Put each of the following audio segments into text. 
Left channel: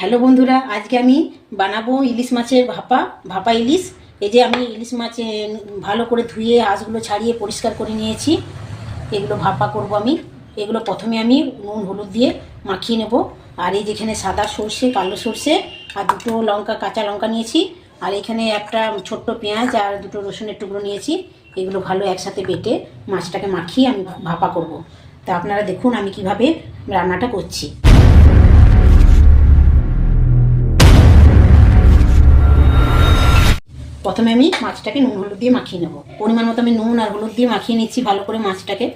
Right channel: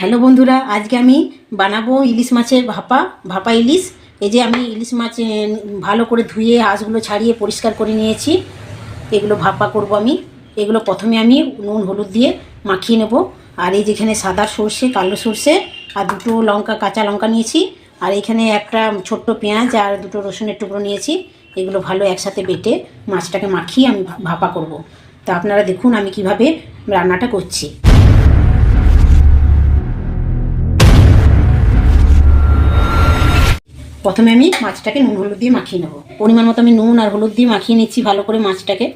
Hello বন্ধুরা, আজকে আমি বানাবো ইলিশ মাছের ভাপা ইলিশ। এই যে আমি ইলিশ মাছ ভালো করে ধুয়ে আঁশগুলো ছাড়িয়ে পরিষ্কার করে নিয়েছি। এগুলো ভাপা করব আমি। এগুলো প্রথমে আমি নুন হলুদ দিয়ে মাখিয়ে নেব। আর এই যেখানে সাদা সর্ষে, কালো সর্ষে আর দুটো লঙ্কা, কাঁচা লঙ্কা নিয়েছি। আর এখানে একটা ছোট্ট পেঁয়াজ আর দুটো রসুনের টুকরো নিয়েছি। এগুলো ভালো একসাথে বেটে মাছটাকে মাখিয়ে আমি ভাপা করব। তা আপনারা দেখুন আমি কিভাবে রান্নাটা করছি। প্রথমে আমি মাছটাকে নুন হলুদ দিয়ে মাখিয়ে নেব। পরিমাণ মতো আমি নুন আর হলুদ দিয়ে মাখিয়ে নিচ্ছি ভালো করে মাছটাকে।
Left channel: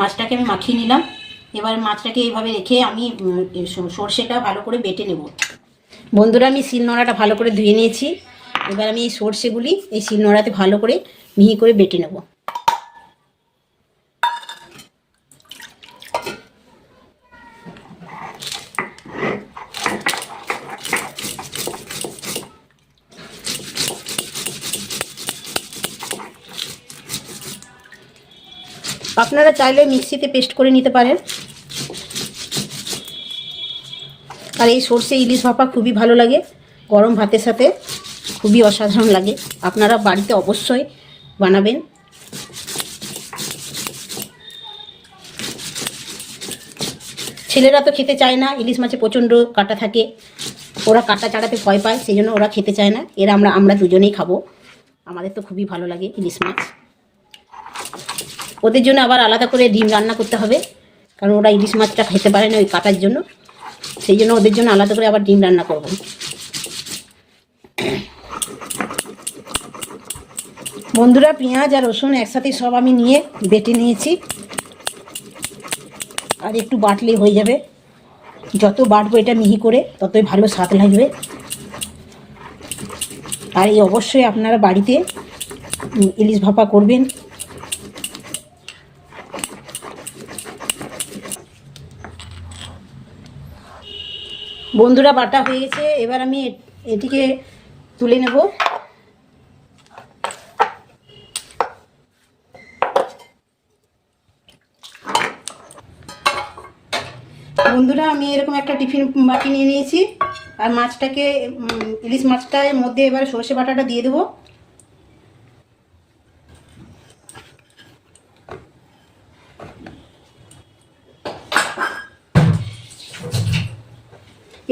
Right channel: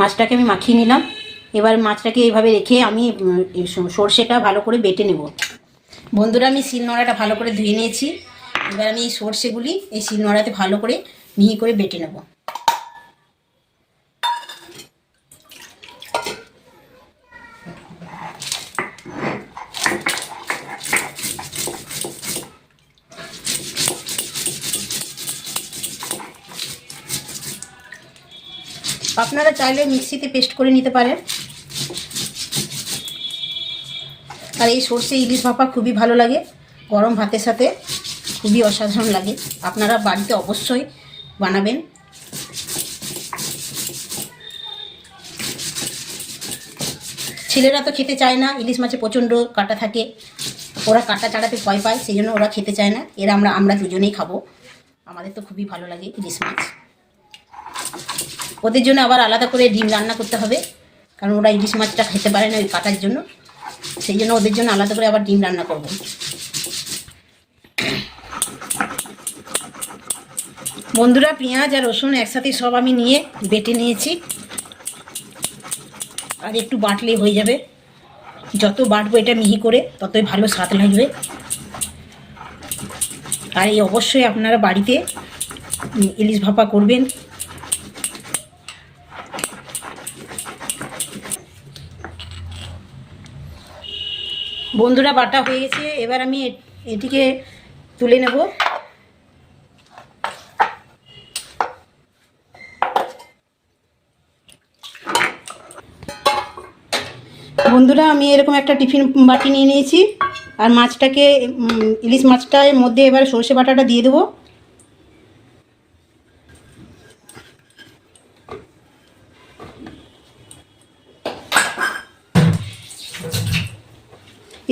মাছটাকে আমি মাখিয়ে নিলাম। এবার মাছটাকে এইভাবে রেখে আমি সর্ষেটা ভালো করে বেটে নেব। বন্ধুরা, আমি শিলনোড়াটা ভালো করে ধুয়ে নিয়েছি। এবার আমি এই সর্ষেগুলি এই শিলনোড়াতে ভালো করে মিহি করে বেটে নেব। আপনারা চাইলে মিক্সিতে পেস্ট করে নিতে পারেন। আর এই সর্ষে ইলিশ ভাপা খুবই ভালো লাগে, গরম ভাতের সাথে খুবই অসাধারণ লাগে। আপনারা বাড়িতে অবশ্যই বানাবেন। ছেলেরা তো খেতে চায় না, ইলিশ মাছে প্রচণ্ড কাঁটা থাকে, ওরা কাঁটা চাড়াতে ভয় পায়, সেই জন্য ওরা খেতে চায় না। এরা আমরা দুজনেই খাবো। আমাদের তো খুবই ভালো লাগে ইলিশ মাছ। ওদের জন্য আবার আলাদা করে ডিম রান্না করতে হবে, কারণ ওরা ইলিশ মাছটা খেতে পারে না ওই কাঁটার জন্য। সেই জন্য ওদের জন্য আলাদা করে আবার ডিম রান্না করব। বন্ধুরা, পেঁয়াজ আর রসুন একসাথে সব আমি নিয়ে বেটে নিয়েছি। আর একটু বাটলেই হয়ে যাবে। যত বাটবো এটা মিহি করে ততই ভালো স্বাদ লাগবে। আর এই অবশ্যই আপনারা বাড়িতে ইলিশ ভাপা করবেন। বন্ধুরা, বাটা হয়ে গেছে। এবার আমি এটিকে তুলে নেব। বন্ধুরা, আমি এরকম একটা টিফিন বাটি নিয়ে নিয়েছি। আর মাছটাকে ইলিশ মাছটার মধ্যে এবার সর্ষে বাটাটা দিয়ে দেবো।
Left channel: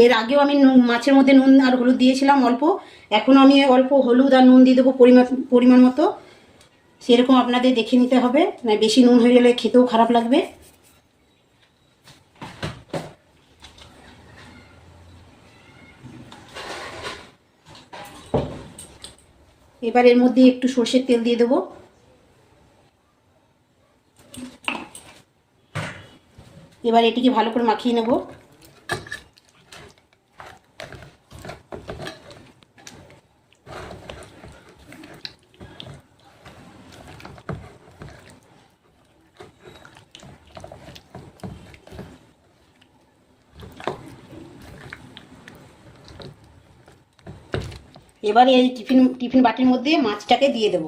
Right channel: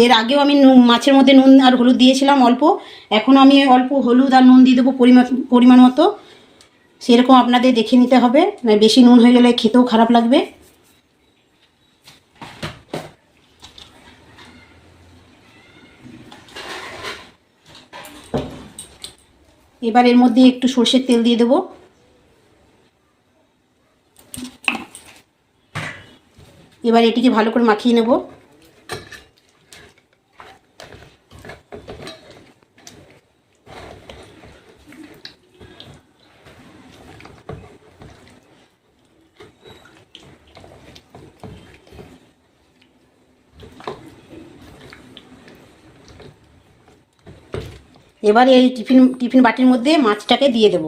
এর আগেও আমি মাছের মধ্যে নুন আর হলুদ দিয়েছিলাম অল্প। এখনও আমি অল্প হলুদ আর নুন দিয়ে দেবো পরিমাণ মতো। সেরকম আপনাদের দেখে নিতে হবে, না বেশি নুন হয়ে গেলে খেতেও খারাপ লাগবে। এবার এর মধ্যে একটু সর্ষের তেল দিয়ে দেবো। এবার এটিকে ভালো করে মাখিয়ে নেব। এবার এই টিফিন বাটির মধ্যে মাছটাকে দিয়ে দেব।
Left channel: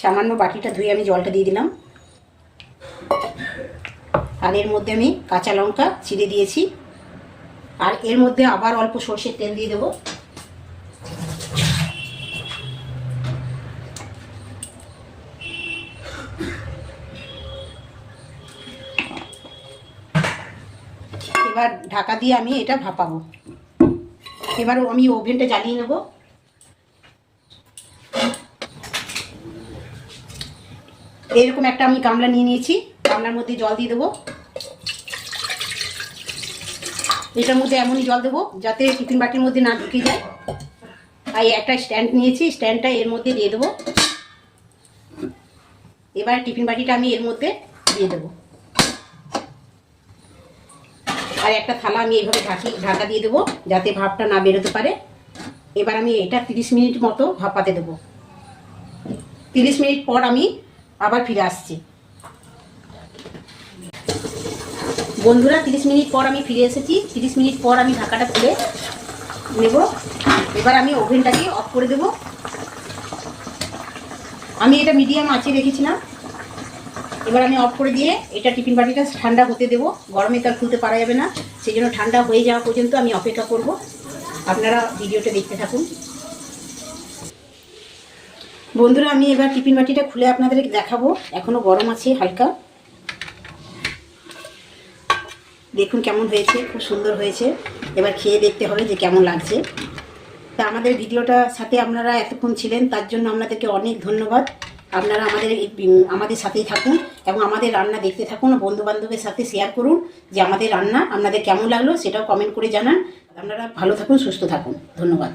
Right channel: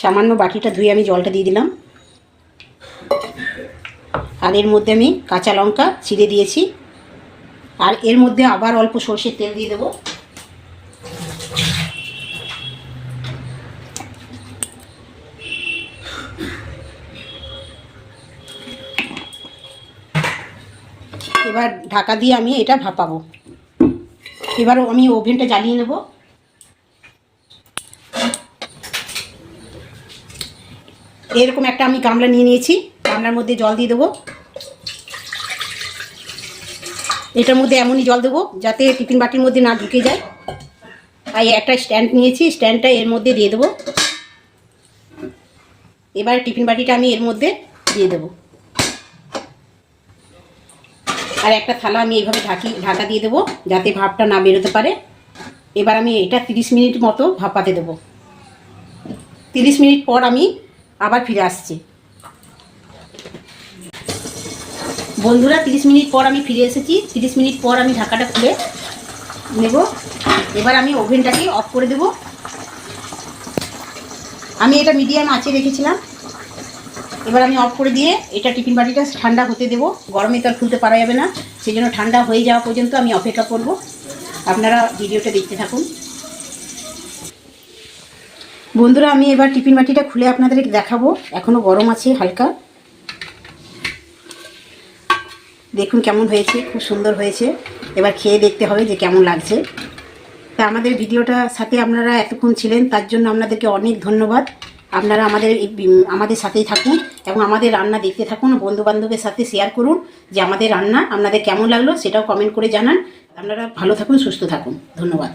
সামান্য বাটিটা ধুয়ে আমি জলটা দিয়ে দিলাম। আর এর মধ্যে আমি কাঁচা লঙ্কা চিড়ে দিয়েছি। আর এর মধ্যে আবার অল্প সর্ষের তেল দিয়ে দেবো। এবার ঢাকা দিয়ে আমি এটা ভাপাবো। এবার আমি ওভেনটা জ্বালিয়ে নেব। এরকম একটা আমি গামলা নিয়ে নিয়েছি, গামলার মধ্যে জল দিয়ে দেবো। এটার মধ্যে এমনই জল দেবো যাতে টিফিন বাটির মধ্যে না ঢুকে যায়। আর একটা স্ট্যান্ড নিয়েছি, স্ট্যান্ডটা এর মধ্যে দিয়ে দেবো। এবার টিফিন বাটিটা আমি এর মধ্যে দিয়ে দেবো। আর একটা থালা আমি এইভাবে ঢাকা দিয়ে দেবো যাতে ভাপটা না বেরোতে পারে। এবার আমি এটা 30 মিনিট মতো ভাপাতে দেবো। 30 মিনিট পর আমি আবার ফিরে আসছি। বন্ধুরা 30 মিনিট পর আমি ফিরে এসেছি। 30 মিনিট পর আমি ঢাকাটা খুলে নেব। এবার আমি ওভেনটাকে অফ করে দেব। আমি এটা মিডিয়াম আঁচে রেখেছিলাম। এবার আমি অফ করে দিয়ে এটা টিফিন বাটিটা ঠান্ডা হতে দেবো। গরমে তো আর খুলতে পারা যাবে না, সেই জন্য ঠান্ডা হয়ে যাওয়া পর্যন্ত আমি অপেক্ষা করব। আপনারা ভিডিওটা দেখতে থাকুন। বন্ধুরা আমি এবার টিফিন বাটিটা খুলে আপনাদের দেখাবো। এখনও গরম আছে হালকা। দেখুন কেমন হয়েছে, খুব সুন্দর হয়েছে। এবার খেয়ে দেখতে হবে যে কেমন লাগছে। তা আমাদের ভিডিওটা সাথে আপনারা এতক্ষণ ছিলেন, তার জন্য আপনাদেরকে অনেক ধন্যবাদ। আপনারা আমাদের সাথেই থাকুন এবং আমাদের রান্না দেখতে থাকুন। বন্ধুবান্ধবের সাথে শেয়ার করুন যে আমাদের রান্না আপনাদের কেমন লাগলো, সেটাও কমেন্ট করে জানান। আপনারা ভালো থাকুন, সুস্থ থাকুন। ধন্যবাদ।